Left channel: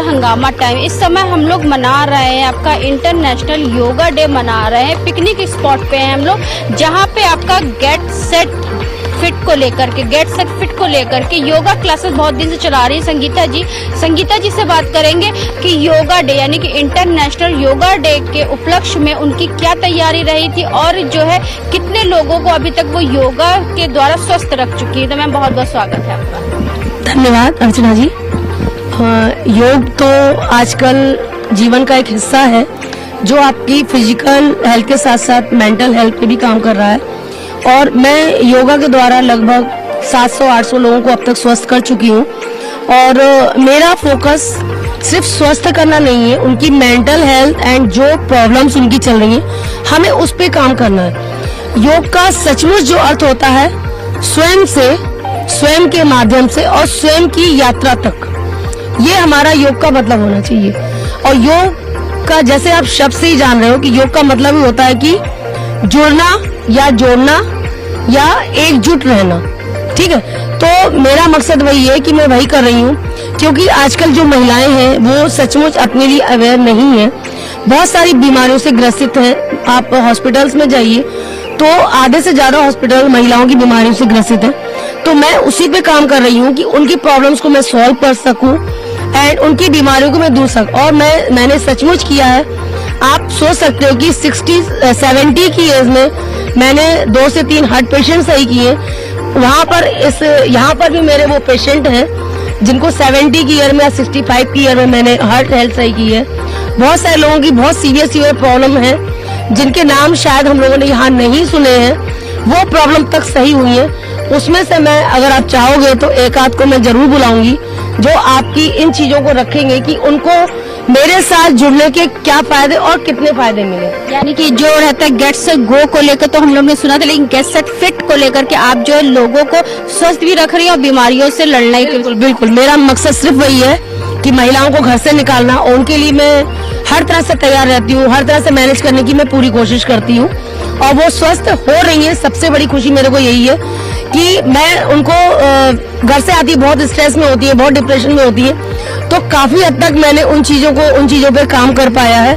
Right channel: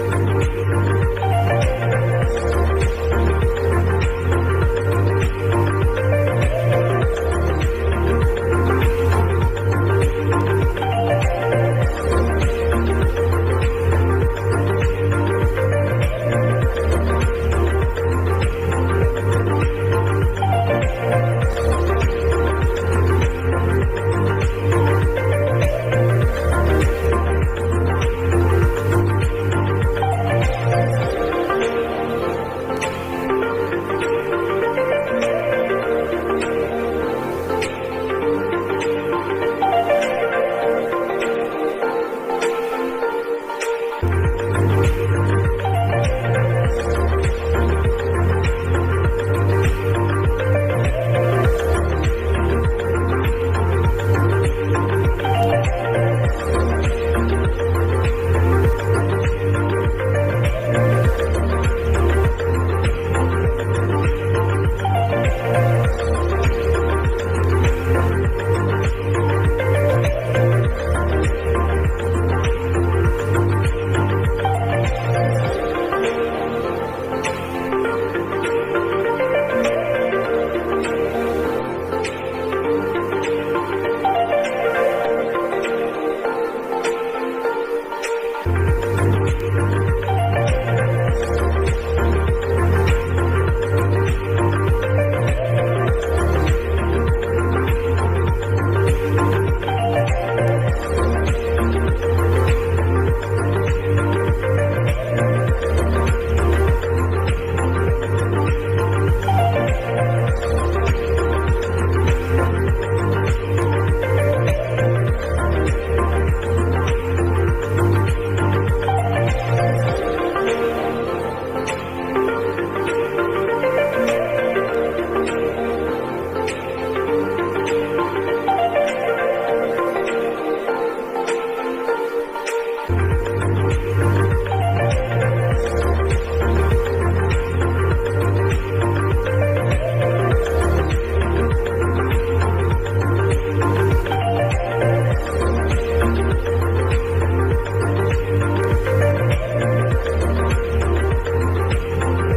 हंगामा टाइम। इस समय हम लोग मना रहे हैं आपका इंटरनेशनल योगा डे मना रहे हैं। पिकनिक स्पॉट पे हैं हम लोग, जहाँ पे आपका गेट सेट फिट को लेकर के योगा क्लासेस बहुत दिन से चला रही है संगीता जी से बात करेंगे कि योगा डे यानी कि इंटरनेशनल योगा डे के उपलक्ष्य में उनकी क्या तैयारी रही थी और जो है कितने लोगों को अभी तक वो योगा के द्वारा स्वस्थ रख चुकी है। तो मैम बहुत बहुत स्वागत है आपका। धन्यवाद अर्चना जी। योग तो आजकल जीवन का एक हिस्सा है जो आपकी फिजिकल हेल्थ के साथ साथ मेंटल हेल्थ पे भी काम कर रहा है। और मैं योगा के द्वारा लगभग 700-800 लोगों को अब तक स्वस्थ कर चुकी हूँ। और मेरा फोकस सिर्फ स्वस्थ करना नहीं है, उनकी मेंटल हेल्थ एंड जो प्रॉब्लम्स उनकी चल रही हैं हमें उस पे काम करना है। योग का सचमुच जो अर्थ होता है स्वयं के माध्यम से और स्वयं की यात्रा तक, ये हमारा योग का मतलब होना चाहिए। और योग का जैसे आप शब्द से ही जान रहे हो कि योग का मतलब ही होता है कि जुड़ना या जोड़ना या एकजुट रहना, ठीक है। तो मेरा मकसद वही है कि मैं वही कर रही हूँ, क्योंकि आजकल जो महिलाएं हैं वो सचमुच अपने लिए अवेयर नहीं है, बहुत सारी बीमारियों से ग्रसित हैं। आप हॉस्पिटल्स में जाइए तो आधे से ज्यादा हॉस्पिटल महिलाओं की बीमारियों से ग्रसित है। तो मैं उसी पे काम कर रही हूँ कि उनकी प्रॉब्लम्स को मैं सॉल्व कर सकूं एंड उनकी बीमारियों को मैं दूर सकूं। और मैंने सचमुच किया है। आप सोच सकते हो कि 60-70 की एज में मैंने 2 से 3 हार्ट पेशेंट सही किए। यहाँ पर भी मेरे वो पेशेंट हैं जिनको 70 की ईयर में या 65 की ईयर में मैंने हार्ट हेल्थ सही की है। बहुत सारे लोगों की बहुत सीवियर प्रॉब्लम है जिनके नाम शायद हम लोगों ने यहाँ नहीं सुने हैं, वो प्रॉब्लम तक सही हुई है। उसमें से मैं, अगर आप चाहोगे तो एक आध को मैं जरूर बुलाऊंगी जो आपकी इन चीजों को रखेंगे कि उनको मेरे साथ जुड़ने के क्या फायदे और कितने फायदे मिले। यानी कि जो रहता है गेट सेट गो को लेकर तो हम लोग ने सुना था, लेकिन गेट सेट फिट को लेकर के आप जो है लोगों को स्वस्थ भी रख रही है और बीमारियों से लड़ना ही। बिल्कुल मेरा मकसद सिर्फ वही है कि महिलाओं को घर से निकालना, और उनके लिए मैं हर तरह से तैयार रहती हूँ, हर तरह से मैनेज करने की मैं पूरी कोशिश करती हूँ। और वो स्वस्थ हो रही है, सबसे बड़ी खुशी मेरे को यही है कि मैं उनको घर से आती है, बहुत स्ट्रेस में होती है, बहुत डिप्रेशन में होती है, तो काफी हद तक मैंने उन चीजों पे काम कर पाया है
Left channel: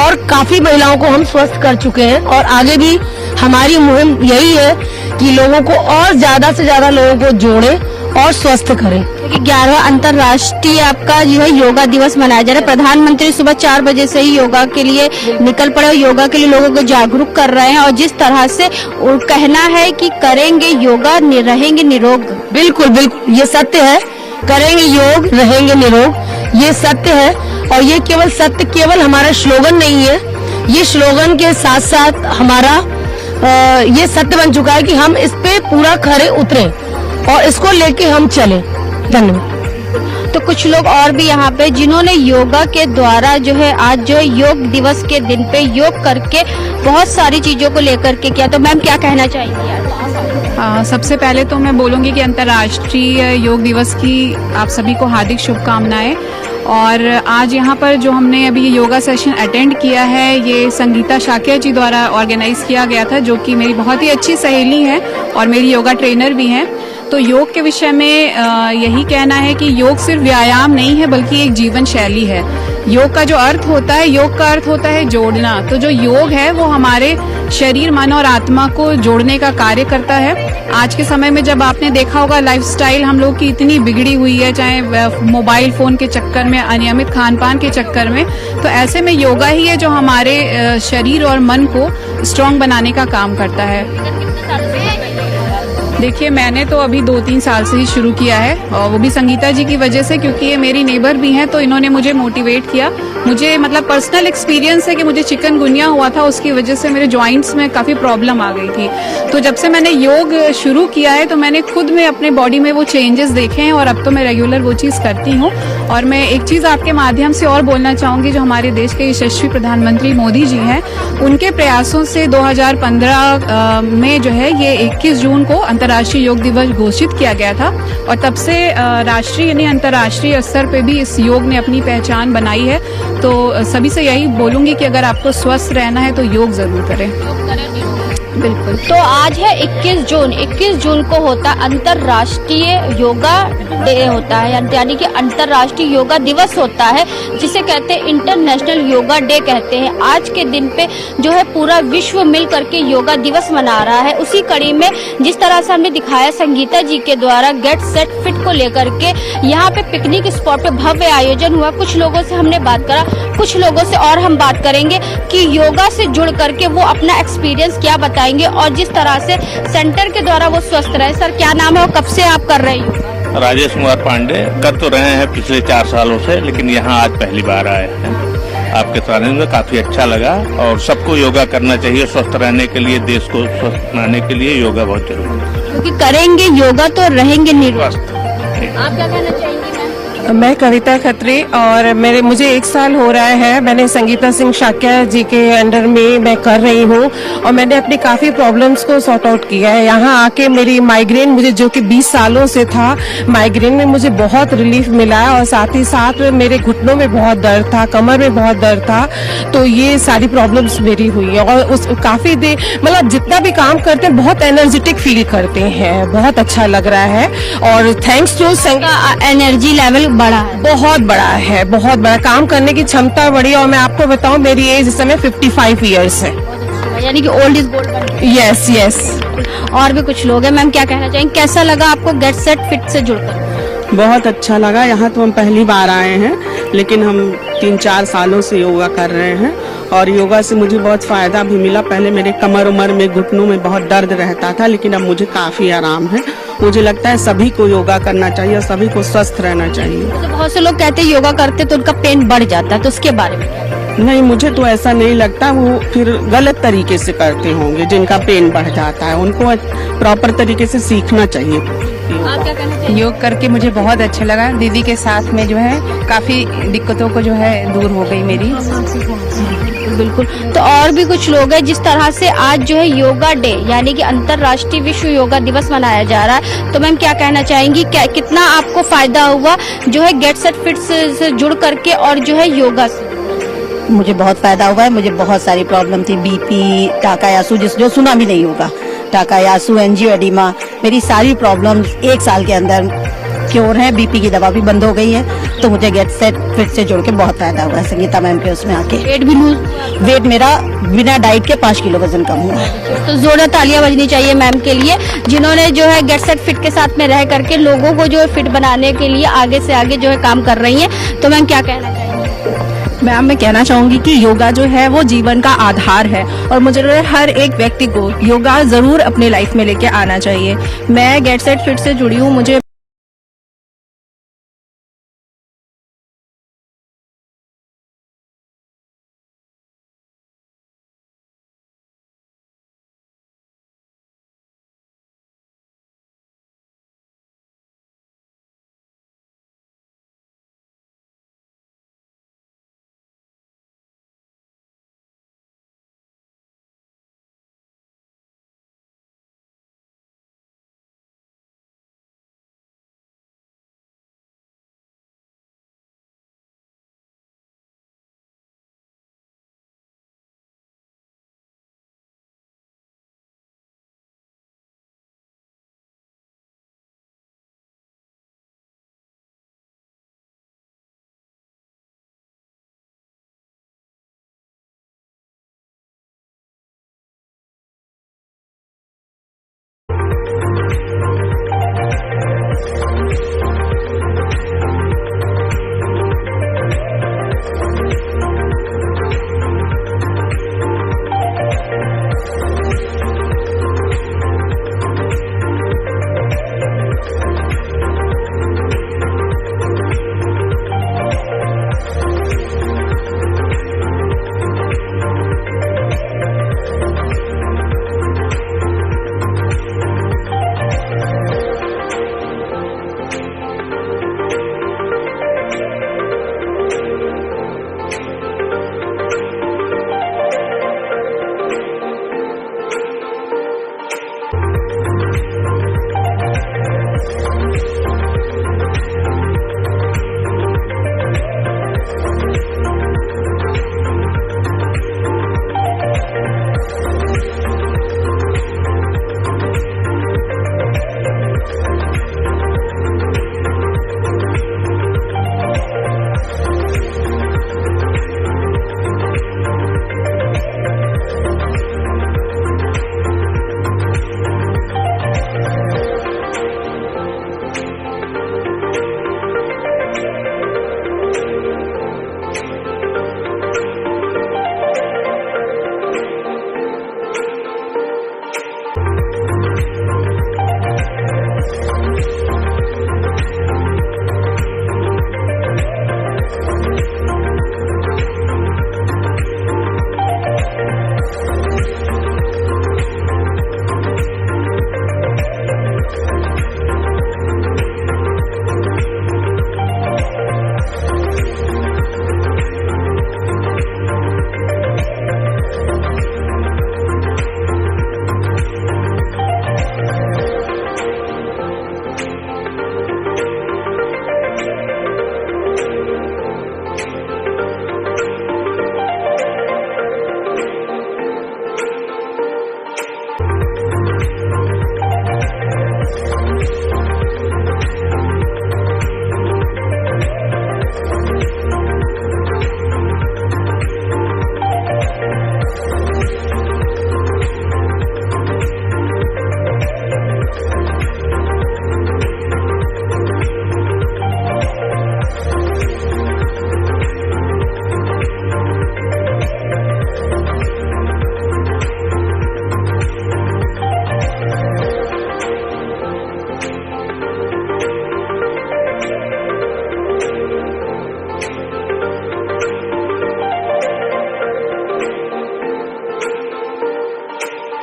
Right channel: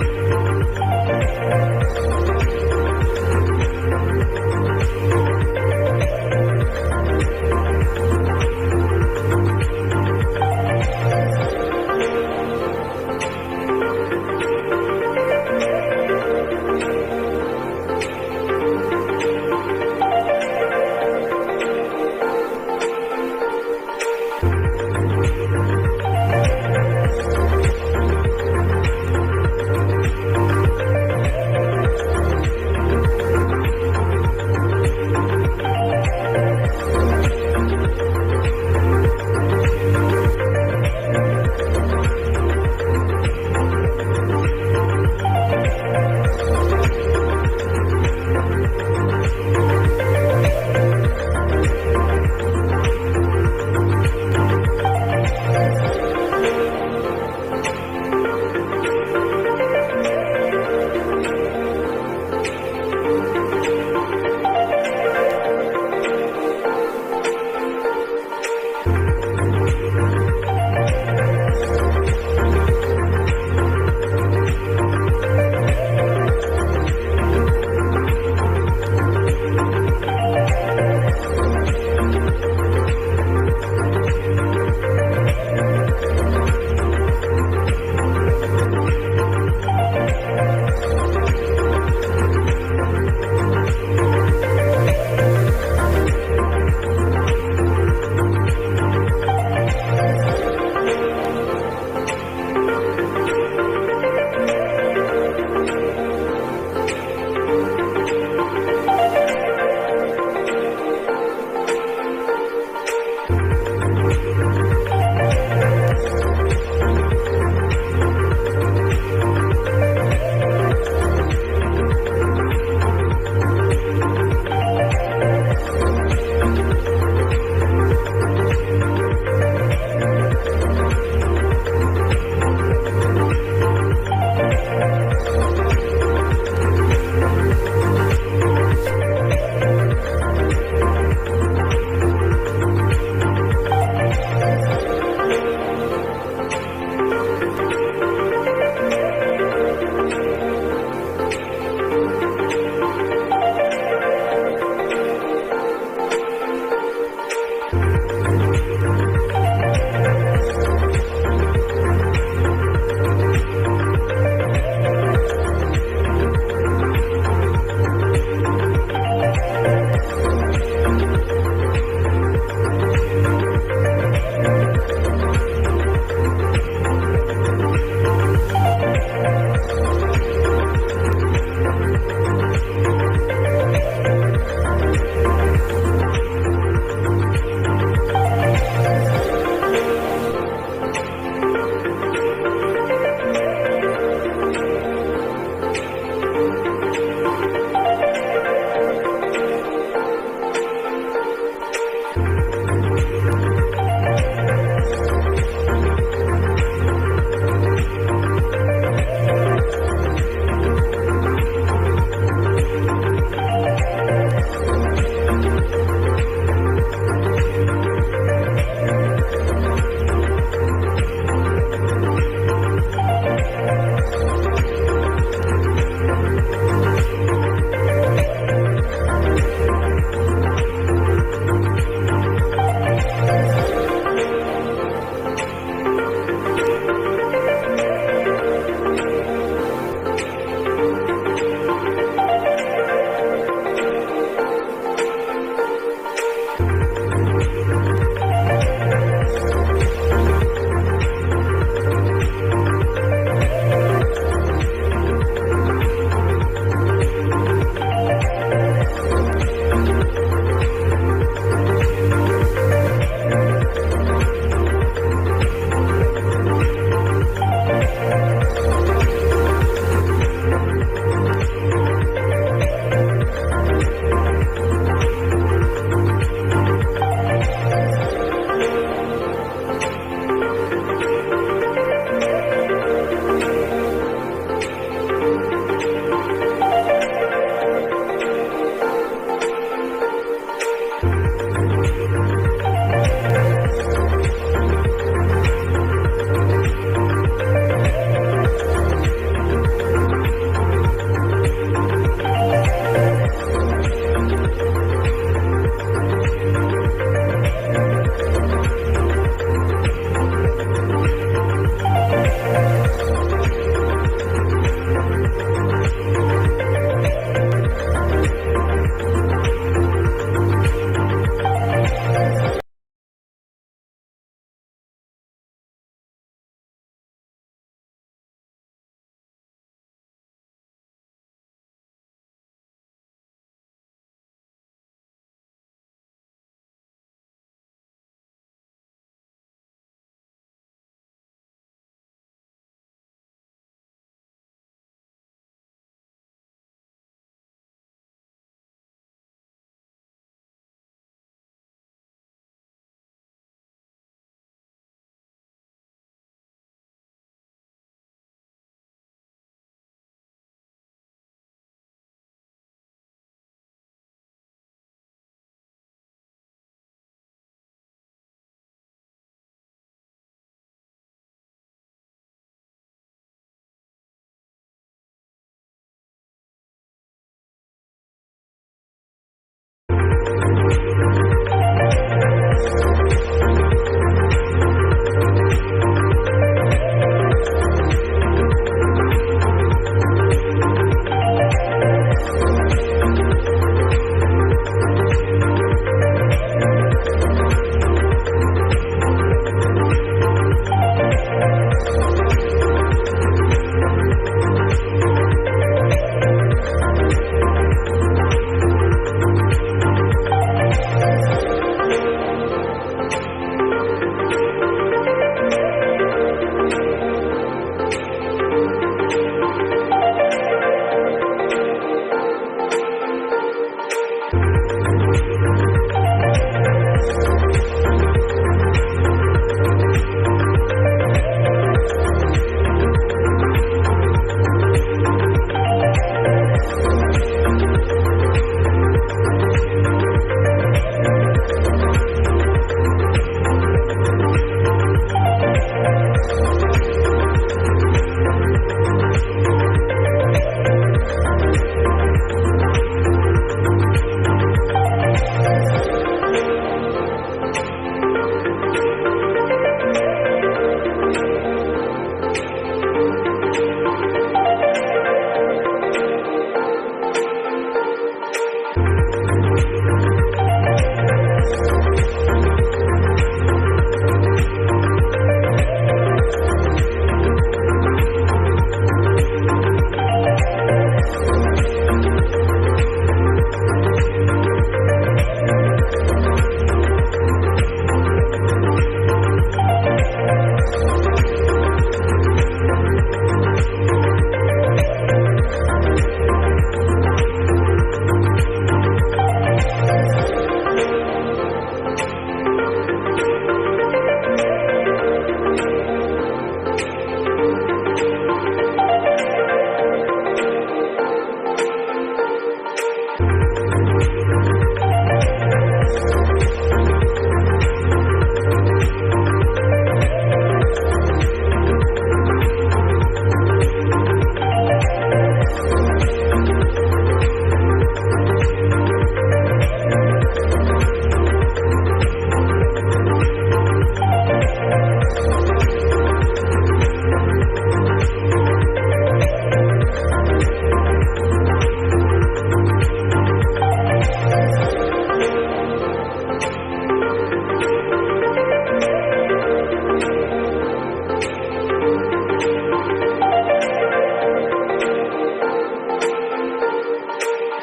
और काफी महिलाओं को हम स्वस्थ कर चुके हैं। और आगे भी हमारी मुहिम यही है कि लोगों को और ज्यादा से ज्यादा लोगों को जोड़े और स्वस्थ करें। 11वां अंतर्राष्ट्रीय आपका जो है योगा दिवस मनाया जा रहा है। प्रधानमंत्री सुबह 4 बजे से ही योगा के लिए निकल पड़े और योगा के लिए लोगों को जागरूक कर रहे हैं। और जिस तरह से कहना है कि करेंगे योगा रहेंगे निरोग। बिल्कुल ये सत्य है, करेंगे योग रहेंगे निरोग, ये सत्य है। और ये केवल हमारा स्लोगन नहीं है, ये स्लोगन के साथ साथ हमारा ये सत्य बन चुका है कि हम इस पे पूरा खरे उतरे और इसको लेके हम चले। धन्यवाद। तो कुछ लोग और भी यहाँ पे जिन्होंने योगा के द्वारा जो है आज जो योग दिवस के दिन पे योग करके बहुत सारी चीजों को लेकर के किया, तो मैम क्या कहना चाहेंगी आज? सबसे पहले तो मैं बोलूँगी कि अंतर्राष्ट्रीय योग दिवस की आप सभी को हार्दिक शुभकामनाएं। और आज यहाँ पर जो हमने अभी योगा सेशन अटेंड किया है, ये संगीता शाक्या जी द्वारा ऑर्गेनाइज किया गया था, जो कि मेरी बहुत ही अच्छी सहेली है और मेरी योगा ट्रेनर भी हैं। तो योग के विषय में यही कहना है कि योग सिर्फ व्यायाम नहीं है बल्कि एक जीवन शैली है। योग का जो अर्थ होता है, योग का अर्थ होता है जोड़ना। तो जो योग है वो हमारे शरीर, मन और आत्मा को जोड़ने का कार्य करता है। आज के समय में जब आपने देखा होगा लाइफस्टाइल हम लोग की इतनी बिगड़ी हुई है, चाहे मोबाइल फोन के चक्कर में, अनियमित खान पान के चक्कर में, तो ऐसे में योगा ही है जो हमारे शरीर और मन को स्ट्रांग बनाने का काम करता है। देखिए, मैंने तो अभी 2-3 साल से ही शुरू किया है, और वो भी संगीता जी की वजह से, क्योंकि ये मेरी नेबर भी हैं, तो इन्होंने मुझे मोटिवेट किया। मुझे मतलब पर्सनल एक्सपीरियंस है कि मुझे चिकनगुनिया हुआ था, उसकी वजह से मेरे जॉइंट्स में काफ़ी प्रॉब्लम आ गई थी। तो जब से मैंने योग शुरू किया है तो मैंने खुद में अपने बॉडी में वो चेंजेस देखे हैं, और अब तो मैं रेगुलर वो चीज़ करती हूँ। और मैं एक चीज़ आपके माध्यम से और बोलना चाहूँगी, जो हमारे देश के यशस्वी प्रधानमंत्री मोदी जी हैं, उनके प्रयासों से 2015 में जो है ये 21 जून को अंतर्राष्ट्रीय योग दिवस घोषित किया गया था, और तब से राष्ट्रीय यानी अंतर्राष्ट्रीय स्तर पे भी इस योग ने अपनी पहचान बनाई है। तो सभी से यही बोलूँगी कि अगर आपको स्वस्थ रहना है तो योग ज़रूर करें। बिल्कुल। तो आज है 21 जून। 21 जून को होता अंतर्राष्ट्रीय योगा डे होता है, यानी कि अंतर्राष्ट्रीय योगा दिवस होता है, जिसे कहते हैं इंटरनेशनल योगा डे कहते हैं। आज के दिन पे जो है पूरा विश्व मिल करके योगा दिवस मना रहा है। उसी कड़ी में जिस तरह से हमने दिखाया संगीता जी के द्वारा गेट सेट फिट को लेकर के यहाँ पे पिकनिक स्पॉट पे भव्य आयोजन हुआ। कुछ लोगों से हमने बात करा, कुछ लोगों से और हम बात करेंगे कि योगा से जुड़ करके वो अपना एक्सपीरियंस क्या बताएंगे, और जिस तरह से सेंटर के द्वारा वो स्वस्थ रहे। सर, क्या नाम है और कब से आप कर रहे हैं? राजेश कुमार पांडे। कर तो रहे हैं पिछले 4 सालों से, लेकिन यहाँ आज पहली बार आए हैं। आपके सानिध्य में काफी अच्छा लगा, और सबको योगा करना चाहिए स्वस्थ रहने के लिए, देश को स्वस्थ बनाने के लिए योगा बहुत जरूरी है। क्योंकि करेंगे योगा तो रहेंगे निरोग। आप क्या कहना चाहेंगे? मैं कविता खत्री, और मुझे 1 साल हो रहा है। मैंने संगीता सिंह शाक्या जी के अंडर में मैं कर रही हूँ, और मैंने अपनी काफ़ी प्रॉब्लम्स को सॉर्ट आउट किया है। यहाँ आके मेरी माइग्रेन, मुझे जो कि 20 सालों से था, माइग्रेन में मुझे बहुत रिलीफ मिला है, और साथ ही साथ मेरे घुटनों में बहुत दर्द था, कमर में बहुत दर्द था। तो ये सारी प्रॉब्लम्स मेरी हुई है, और उस काफ़ी देर मतलब जितना भी काम करते हैं बहुत एनर्जेटिक फील करते हैं, बहुत अच्छा लग रहा है। और थैंक्स टू एनर्जी लेवल बड़ा है, बहुत बड़ा है, बहुत बड़ा काम करने की क्षमता बढ़ी। और मैं आपको बताऊं, मेरी एज इस समय 55 ईयर्स है, यानी कि old is gold. Yes yes. और भी कुछ लोग हैं, मैम क्या कहना चाहेंगे, कैसा लगा आपको गेट सेट फिट से जुड़कर? बहुत अच्छा लगा। यहाँ तो हम पहली बार आए हैं, लेकिन हम 3-4 सालों से योगा कर रहे हैं, और योगा से मुझे बहुत फायदा भी मिला। पहले मेरे कमर उमर में, घुटनों में बहुत दर्द रहता था, लेकिन अब मुझे काफी आराम है। मुझे लगता है सभी को योगा करना चाहिए और सभी को स्वस्थ रहना चाहिए। तो बहुत से लोग कहते हैं योगा करते तो उनका पेन बढ़ जाता है, तो उसके बारे में? नहीं, मुझे तो ऐसा नहीं लगता। वो फिर गलत तरीके से करते होंगे, जिनका पेन बढ़ जाता है। उनको प्रॉपर तरीके से सीखना चाहिए। आप क्या कहना चाहिए? योग करके मुझे बहुत अच्छा लगा। दीदी के साथ में जो है काफी दिक्कतों को जो है दूर हो गई मेरी। बिल्कुल। तो और भी कुछ लोग हैं, जिस तरह से आज जो है योगा डे यानी कि अंतर्राष्ट्रीय विश्व योगा दिवस मनाया जा रहा है, तो मैम क्या कहना चाहेंगी, क्या कितना आपको फायदा हुआ जो है गेट सेट फिट से जुड़ करके और जो है योगा से? मुझे बहुत फायदा हुआ है। मुझे बहुत सारी प्रॉब्लम थी, बीपी, टाकायासु, जो सुना भी नहीं होगा, टाकायासु, एंजियोएडिमा, मेरी सारी प्रॉब्लम्स 1 साल के अंदर क्योर है। बीपी की दवा भी बंद हो गई है। तो मुझे गेट सेट फिट से जुड़ के बहुत फायदा हुआ है संगीता मैम के उसमें आके। वेट भी लूज? वेट मेरा बिना डाइट के 5 किलो वजन कम हुआ है। तो जोरदार तालियां बजनी चाहिए मैम के लिए, जिन्होंने जो है गेट सेट फिट के साथ में रह करके लोगों को जो है फिट बनाने के लिए आगे से आगे जो है काम कर रही हैं। तो मैम क्या कहना चाहेंगे? मैम, मैं कहना चाहूंगी कि योगा जो है वो जीवन का आधार है, और मुझे लगता है हर एक व्यक्ति को योगा जरूर अपने लाइफ में लेके आना चाहिए। मैं गेट सेट फिट से जुड़ी हूँ, मुझे